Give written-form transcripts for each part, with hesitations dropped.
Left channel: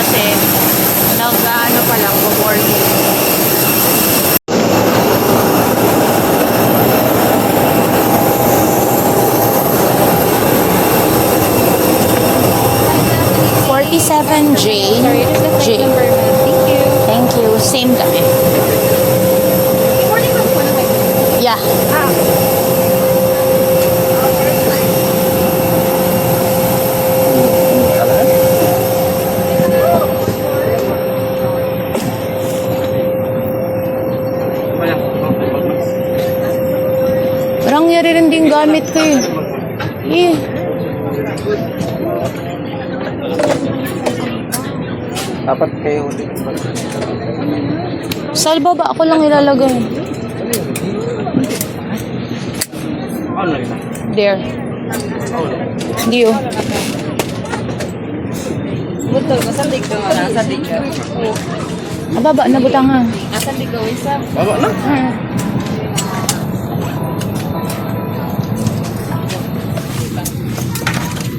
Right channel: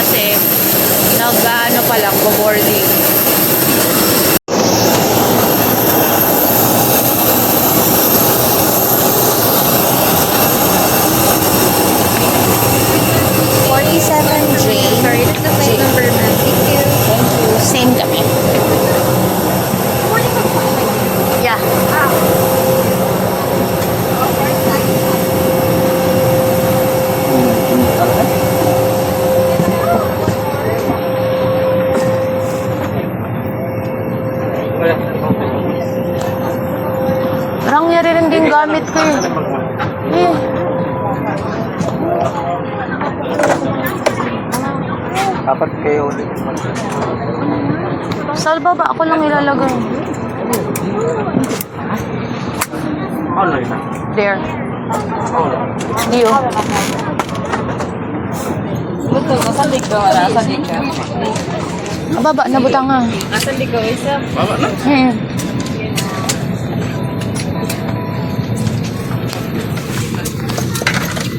Kasi nag-ano pa lang, boarding. Same kami. Yeah. Parang yari rin din gamit ko yun. Eh. Dapat kayo ulit. Sa baba ako lang ilalagay. There. Hindi yun. Baba, nabutang nga. Asan di ko isa? Baba na?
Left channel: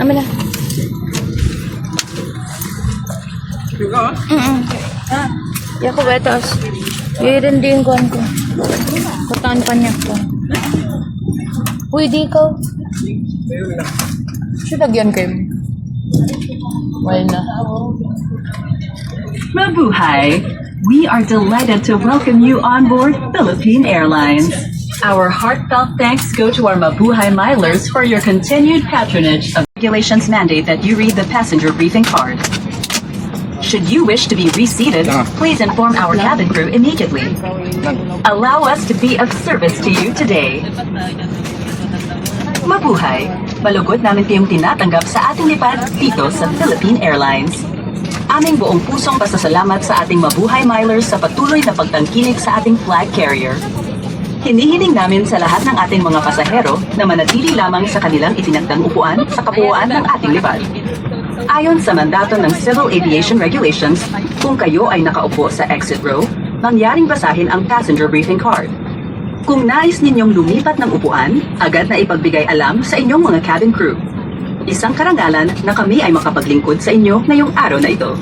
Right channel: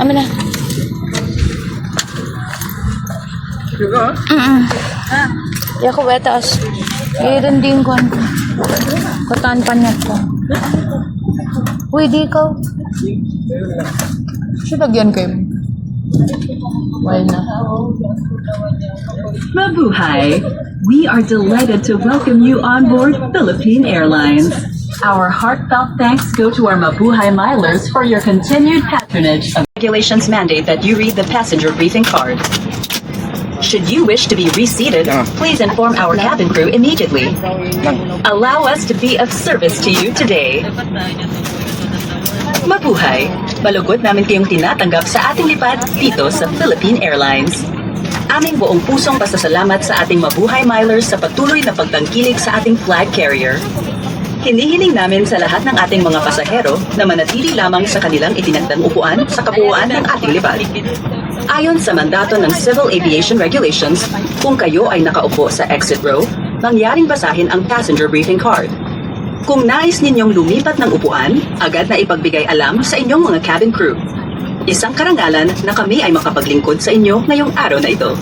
Amin na. Ya ko betas. Irin din ko. Kutaan pa niya ko. Uy, di ko. Siya lagyan kayo. Wala na. Mabuhay! We are delighted to welcome you on board Philippine Airlines. Our heartfelt thanks go to our Mabuhay Milers for your continued patronage. Regulations mandate that you read the passenger briefing card. Should you wish to be reseated, please inform our cabin crew immediately. Allow us to be of service to you today. Mabuhay! Malugod namin kayong tinatanggap sa ating lipad dito sa Philippine Airlines. Aming buong pusong pasasalamat sa ating Mabuhay Milers sa patuloy na pagtangkilik sa ating flag carrier. Hinihiling namin sa lahat ng ating mga pasahero na manatili lamang sa kanilang itinakdang upuan sa kabuuan ng ating lipad. Ayon sa mandato ng Civil Aviation Regulations, kung kayo ay nakaupo sa exit row, mangyaring basahin ang passenger briefing card. Kung nais ninyong lumipat ng upuan, agad na ipagbigay alam sa inyong mga cabin crew. Isang karangalan na kami ay makapaglingkod sa inyo ngayong araw na ito.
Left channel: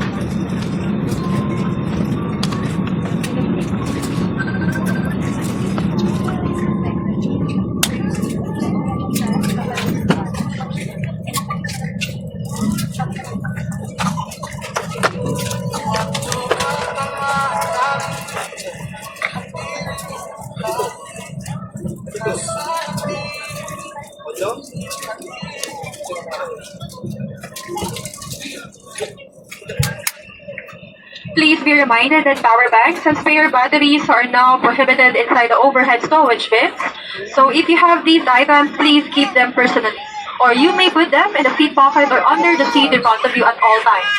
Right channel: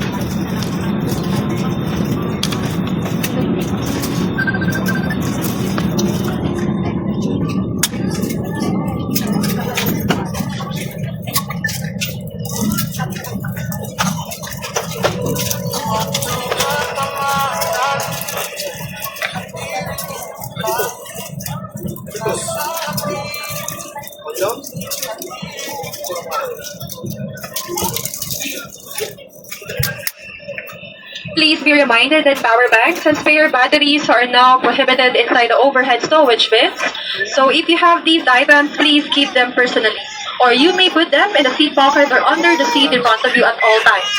Please be reminded that power banks and spare batteries are now prohibited inside the overhead stowage bins. So if you have these items, please keep them personally. Or you may put them in the seat pocket or under the seat in front of you at all times.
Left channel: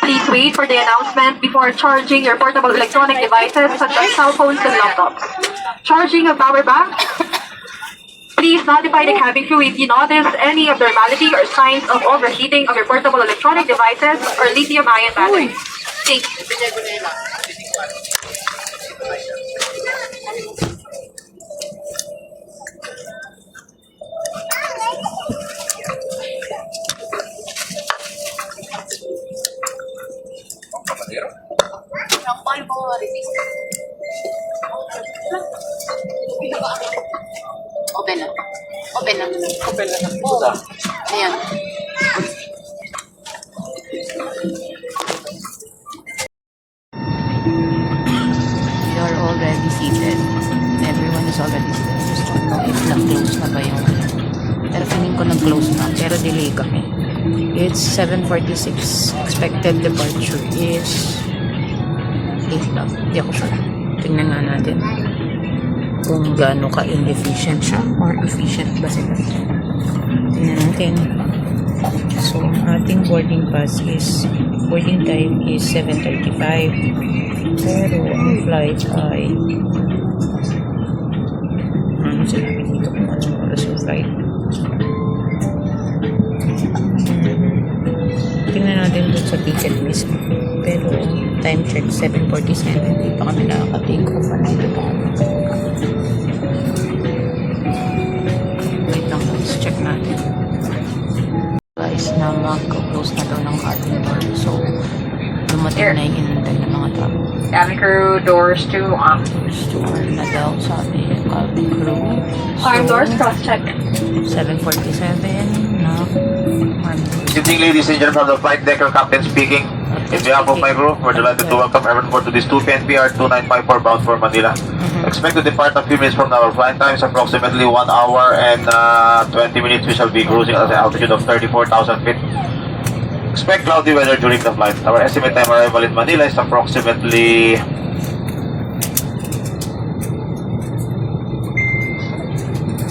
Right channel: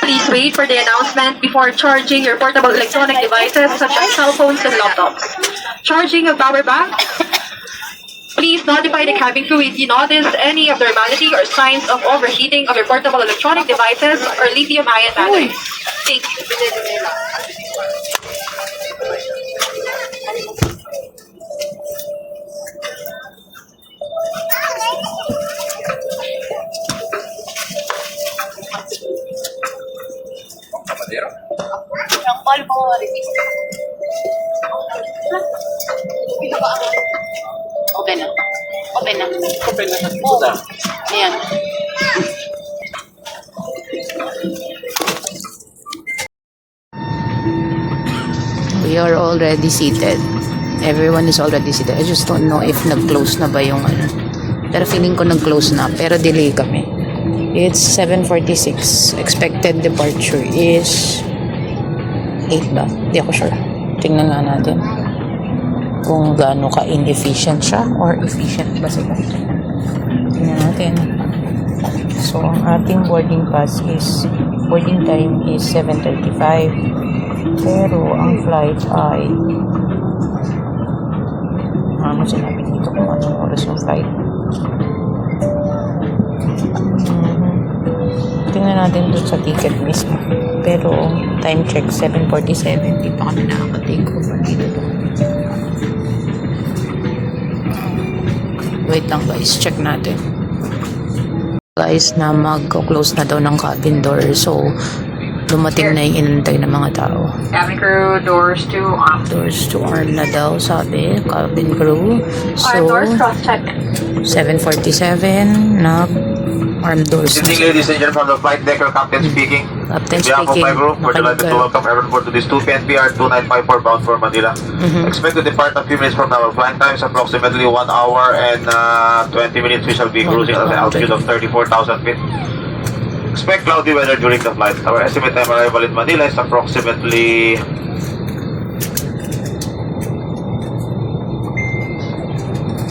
Please wait for the announcement before charging your portable electronic devices such as cell phones and laptops. Charging a power bank. Please notify the cabin crew if you notice any abnormality or signs of overheating of your portable electronic devices or lithium-ion batteries. Thank you. Open na. Open na. Open na. Oo. Ayan. We are already seated. Everyone is already seated. I just don't know if nag-close na ba yung ano. Pero feeling ko nag-close na. Pero delay kami. It's 7:46. Expected departure is 8 lang. Hindi ako sure. Tingnan nga natin kung gaano ka-inefficient siya or efficient ba sila. Tingnan natin. So, ang ating boarding time is 7:35. Pero, ang flight ay ano sinabi dito kung anong oras yung flight. Tingnan natin doon sa ticket mismo. Pero, time check, 7:47. Hindi pa kami nakaka-take off. Dito pa kami. Wait lang guys, check natin. Guys, na mag-close na daw ng cabin door. So, dumating na yung inantay ng mga tao. Cabin crew, doors to arm. Doors to arm na daw, sabi. Cabin crew. So, Arm doors, cross-check. 7:47 na arm doors. Good evening, ladies and gentlemen, from the flight deck, your captain speaking. Captain In behalf of speaking. my group, we're delighted to welcome everyone aboard to this 2 PNPR 2954 bound for Manila. Expect to depart a few minutes from our flight time is approximately 1 hour and 20 minutes. We shall be cruising at an altitude of 34,000 feet. Expect cloudy weather during the flight. Our estimate time arrival in Manila is approximately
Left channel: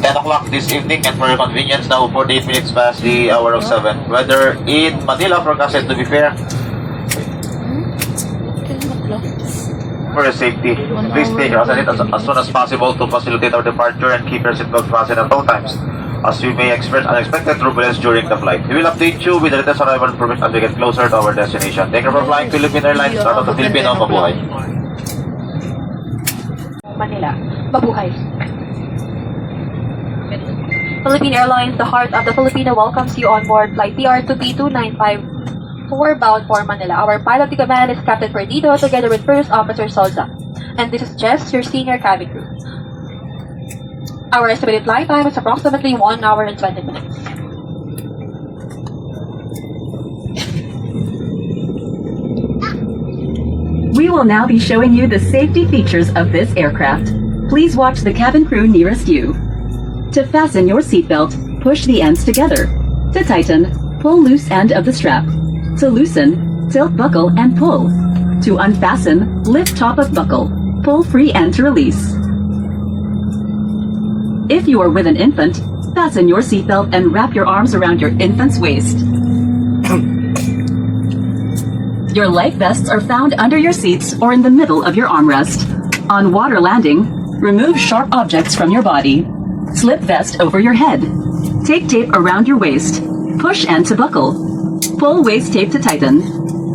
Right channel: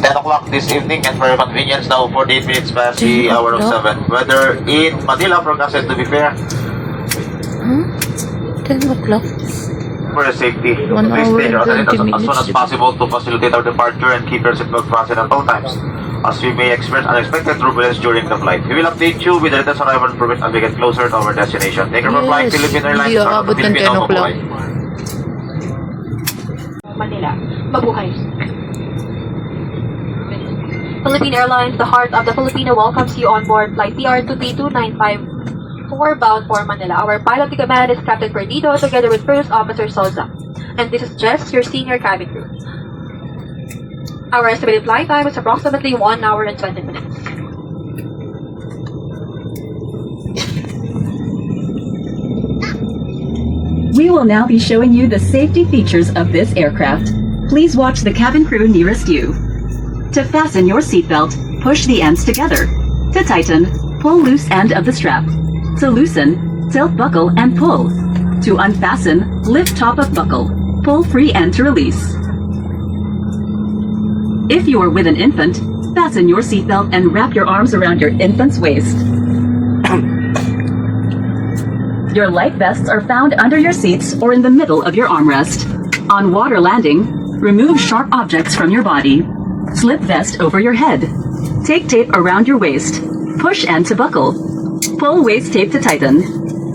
10 o'clock this evening, and for your convenience, now 48 minutes past the hour of 7. Weather in Manila forecasted to be fair 10 o'clock. for your safety. 1 Please hour take your and as 20 soon as minutes. possible to facilitate our departure and keep your seatbelt fastened at all times, as we may experience unexpected turbulence during the flight. We will update you with the latest arrival information as we get closer to our destination. Thank you for flying Yes. Philippine Airlines. Hindi Start of aabot the ng 10 Filipino o'clock. mabuhay. Manila. Mabuhay. Philippine Airlines, the heart of the Filipino, welcomes you on board flight PR2P2954 bound for Manila. Our pilot in command is Captain Perdido together with First Officer Solza. And this is Jess, your senior cabin crew. Our estimated flight time is approximately 1 hour and 20 minutes. We will now be showing you the safety features of this aircraft. Please watch the cabin crew nearest you. To fasten your seatbelt, push the ends together. To tighten, pull loose end of the strap. To loosen, tilt buckle and pull. To unfasten, lift top of buckle. Pull free end to release. If you are with an infant, fasten your seatbelt and wrap your arms around your infant's waist. Your life vests are found under your seats or in the middle of your armrest. On water landing, remove sharp objects from your body. Slip vest over your head. Take tape around your waist. Push end to buckle. Pull waist tape to tighten.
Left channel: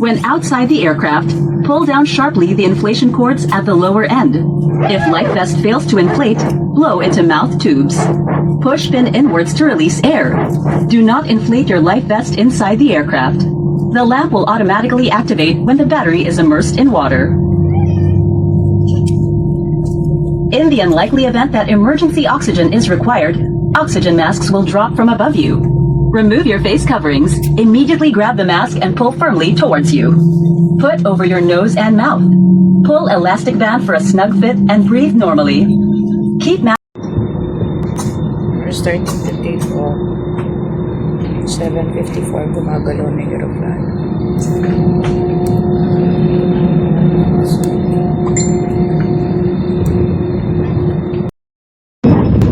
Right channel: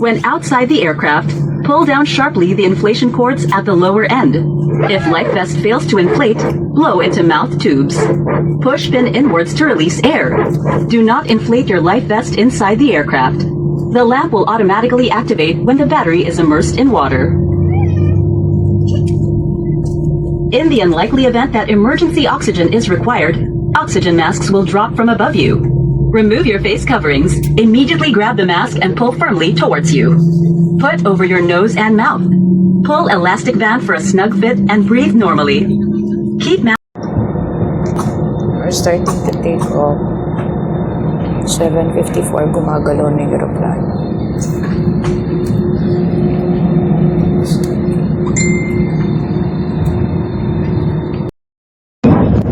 When outside the aircraft, pull down sharply the inflation cords at the lower end. If life vest fails to inflate, blow into mouth tubes. Push fin inwards to release air. Do not inflate your life vest inside the aircraft. The lamp will automatically activate when the battery is immersed in water. In the unlikely event that emergency oxygen is required, oxygen masks will drop from above you. Remove your face coverings, immediately grab the mask and pull firmly towards you. Put over your nose and mouth. Pull elastic band for a snug fit and breathe normally. Keep mask. We're starting to take off. 7:54, gumagalaw na yung aeroplano.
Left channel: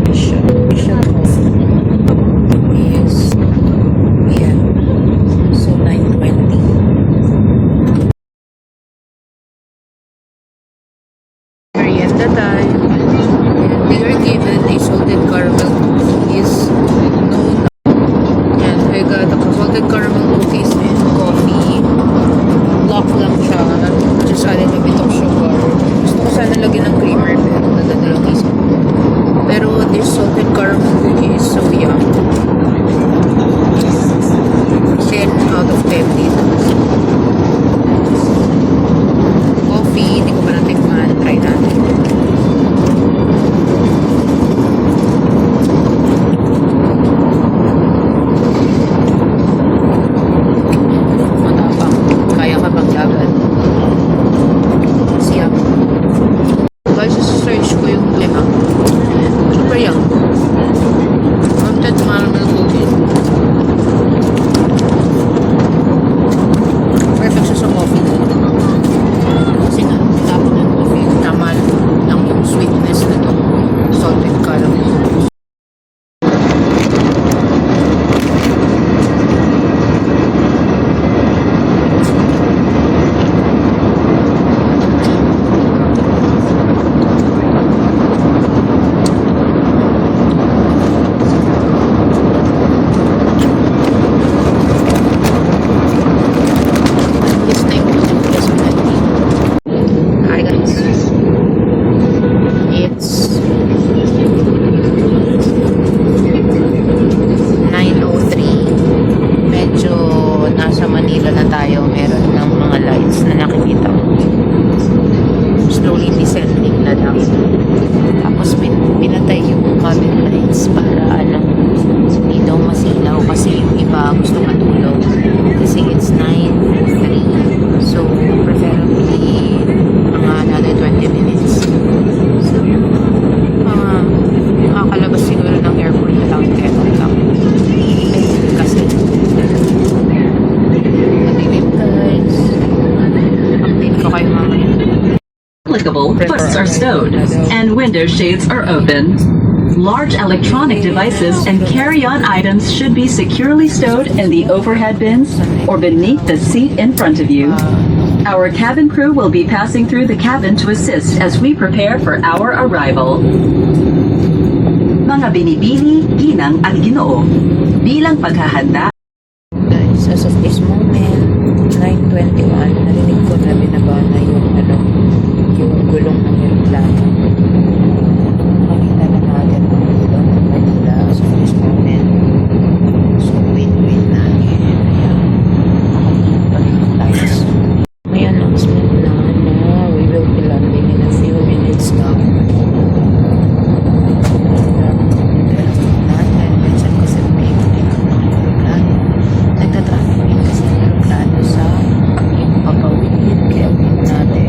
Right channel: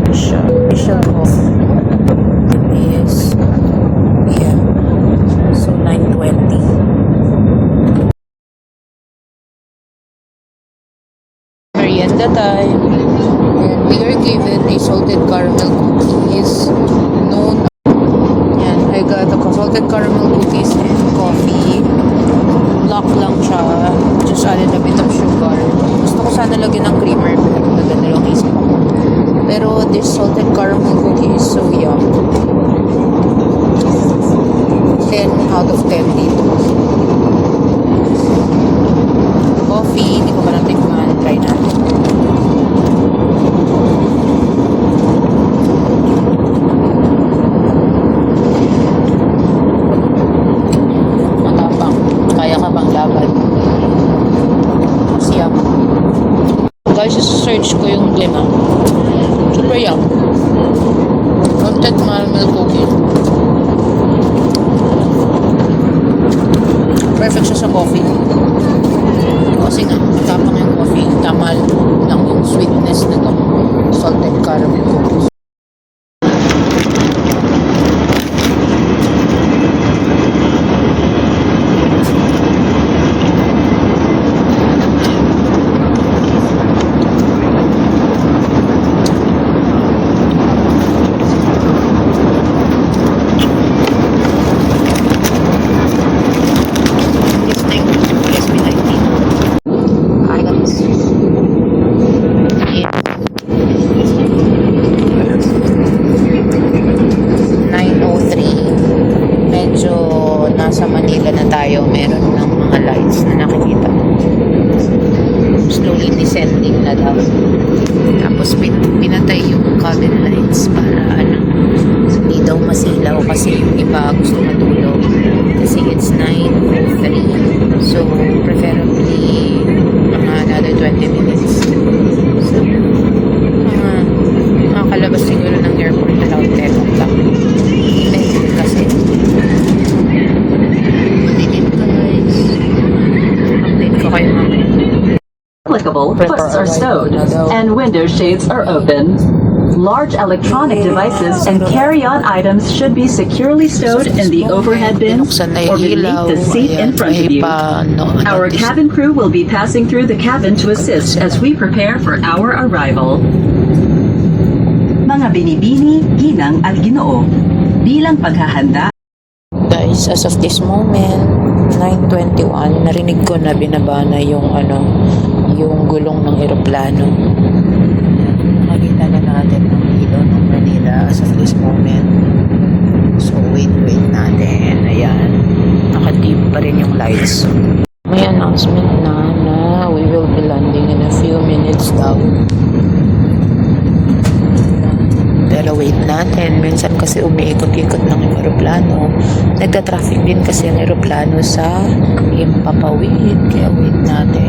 Mission off is yan. So 9:20. Merienda time. And we are given a salted caramel cookies. No. And I got a salted caramel cookies and coffee. Block lang siya. Just added a bit of sugar. Gusto ko sana lagyan ng creamer pero nadalawang isip. Pero this salted caramel cookie is so yum. 10 out of 10 dito. Coffee, hindi ko pa natikman. Try natin. Matapang. Kaya ka bang laban? Mas yum. Guys, search ko yung lima. ba yan? Salted caramel cookie. Perfect siya sa coffee. Kasi nga, tapang yung coffee. Tama lang yung sweetness na itong salted caramel cookies. Yes, thank you. Yes, we like it. Hi guys. It's 9:03. Medyo nasa Manila na tayo. Meron ng mga lights na nakikita. Slowly descending na daw. Tapos pinatay yung cabin lights para hindi daw masilaw kasi yung iba gusto matulog. Kasi it's 9:03. So, preferably mga another 20 minutes. So, nakakalabas siguro ng airport around 10 o'clock. Kasi mag-init guys. Update ko kayo mamaya. Applicable, hoods are stowed, and window shades are open. Large electronic devices and carry-on items should be securely stowed in the overhead bins or beneath the seat in front of you. Our cabin crew will be passing through the cabin to assist as we prepare for our arrival. Mga binibini, ginang at ginoo. Bilang paghahanda, Guys, as of this moment, 9:21, narinig ko na binaba na yung yung gulong ng eroplano. Nakita na natin ang ilaw ng Manila as of this moment. So, wait natin. Ayan. Nakadim pa rin yung lights. May announcement na we will be landing in a few minutes daw. Pero wait natin. Minsan kasi umiikot-ikot ng eroplano. Nagta-traffic din kasi ang eroplano sa yung papawid. Kaya wait natin.